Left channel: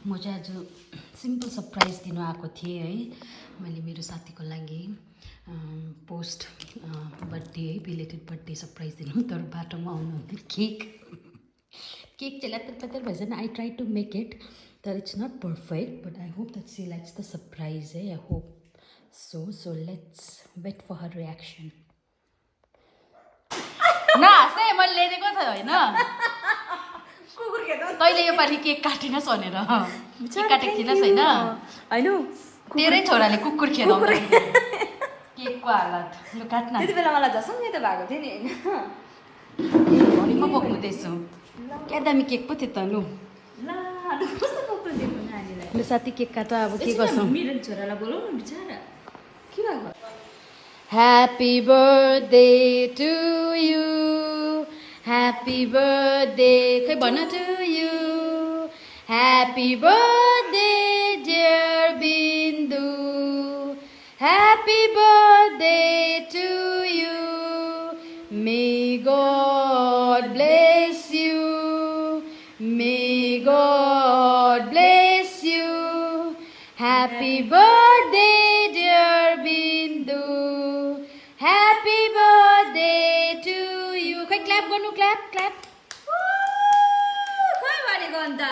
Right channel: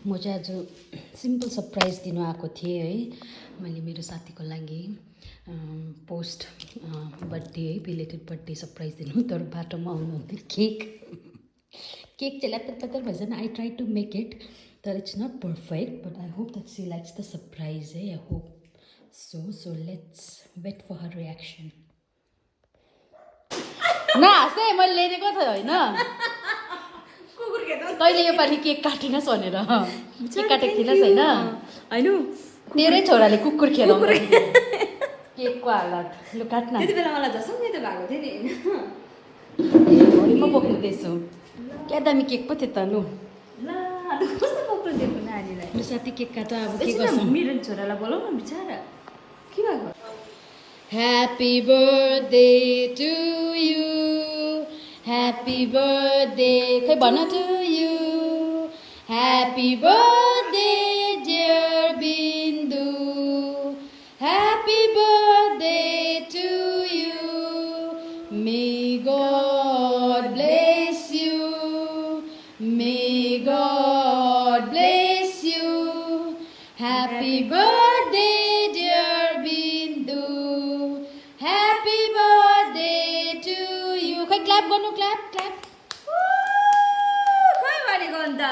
म चाहिँ आज सिम्पल सरप्राइज दिनु आएको थिएँ है। मैले मेरो साथीको लागि पोस्ट बर्थडे है, बिलेटेड बर्थडे सरप्राइज दिनु, तर बाटोमा आउनुहुन्थ्यो केक चाहिँ लत्तर पत्तर भएछ। I try to make it, तर it's not perfect, but I hope that she likes the surprise है। I hope so let's wait for her reaction. नासे मैले लिएको त होइन, तैँले योपालि केक काटेनस् भनेर काटेको थिइनस् होइन? होइन तेरै छोराले कुकुर खेल केकको हालत काट्न। त्यति बेला मलाई झसङ्गै त भएको थियो नि होइन बोक्नुहुँदैछु। क्या दामी केक पो थियो त। लु कस्तो पक्रो दिएको नानीलाई। लु साथी केक काट, अब के गर्छौँ। मेरो छोरालाई बोलाउ न बिचारा, के भएको? Happy birthday to you, happy birthday, खै भन to you, happy birthday dear Bindu, happy birthday to you, may God bless you, may God bless you, happy birthday dear Bindu, happy birthday to you. खै clap गर्नु, clap clap. खै भनेको अन्त।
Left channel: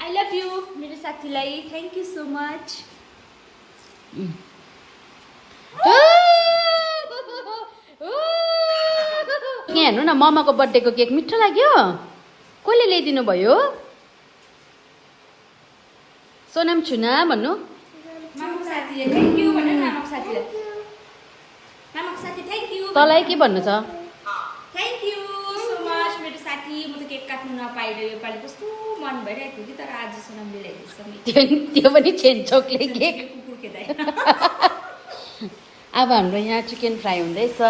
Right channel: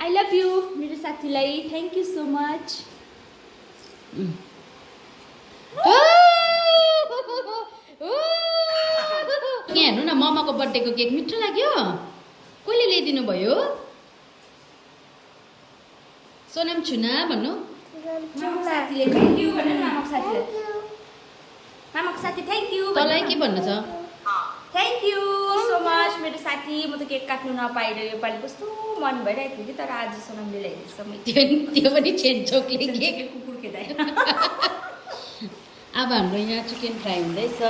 I love you मेरो साथीलाई, thank you so much. यहाँ हेर्नु न, मम्माको बर्थडेको केक मिठो लाग्यो। कसले ल्याइदिनु भयो? सोनाम छुना भन्नु। मामाको साथीले थ्याङ्क यू भनेर, मामाको साथीले, मामाको साथी थ्याङ्क यू। तँलाई के भन्नु छ? थ्याङ्क यू सो मच मेरो साथी। म त केक काट्नु नपाइले योपालि कस्तो मन भइरहेको थियो कि, तर आज सोनामले ल्याइदिएछ। त्यो पनि छेनचोकले केक। कुकुर खेदाइ। अब हाम्रो यहाँ चिकन फ्राई हुँदैछ।